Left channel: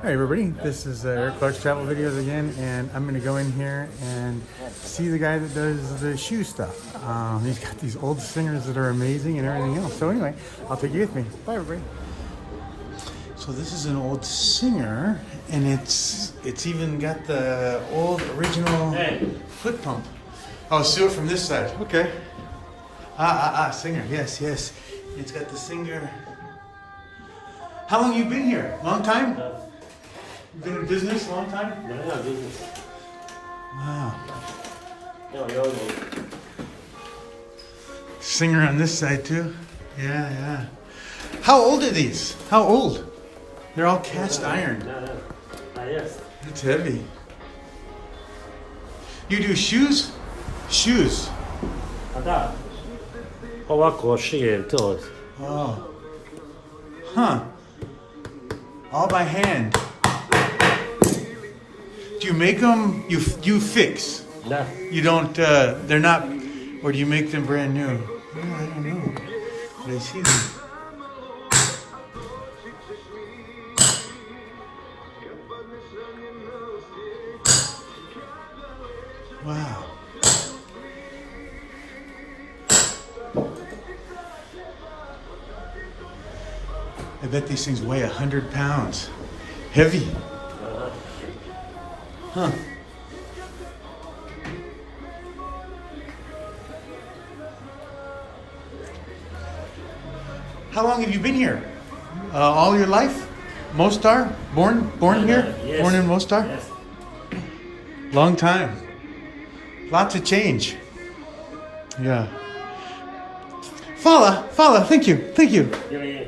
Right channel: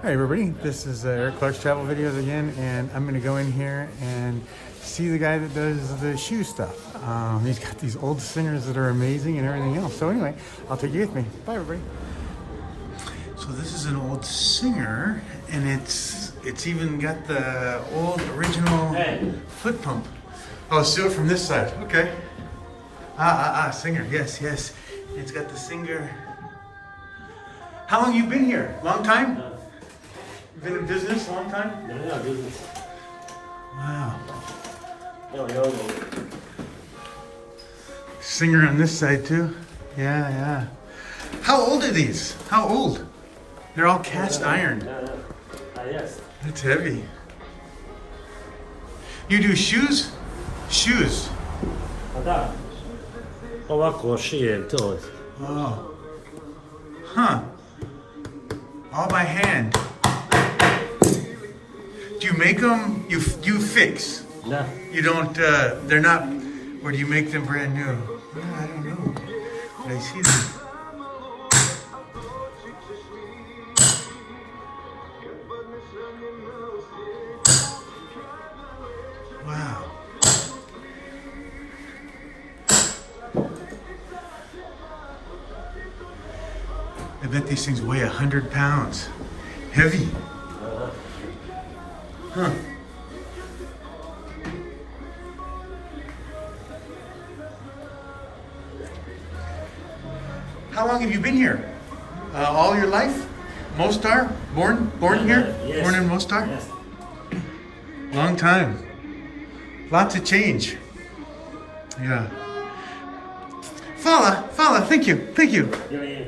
Hi everybody, this is Eric Clark's Travel Videos again, and I'm gonna go in here and see the guy that does the shoe stuff. He's got these old singers that are amazing and everything else. So anyway, I'll take you with me. Bye everybody. So this is an old singer, and it's even got the old original foot pump. Oh, so it from this side. Okay. Singer. Yes. It's got the singer. How long you been here? Long time? You've been in business a long time? Yeah, business. Wow. No. Singer on this side too? Yeah. How old are these? How old? They're all cast iron. Yes. It's heavy. You do shoes? Shoes. Oh. Huh. All by hand. Do you make them? You fix? No. You don't. They're not. Or do you make them brand new? Oh, I don't know. But I see them. Wow. I bet these things weigh 100 pounds. Heavy. Huh. How long have you been here? All your life? Mostar? Born here? Yes. Born in Mostar? Yes. Long time. Lots of change. Yeah. Fala, thank you. Yeah.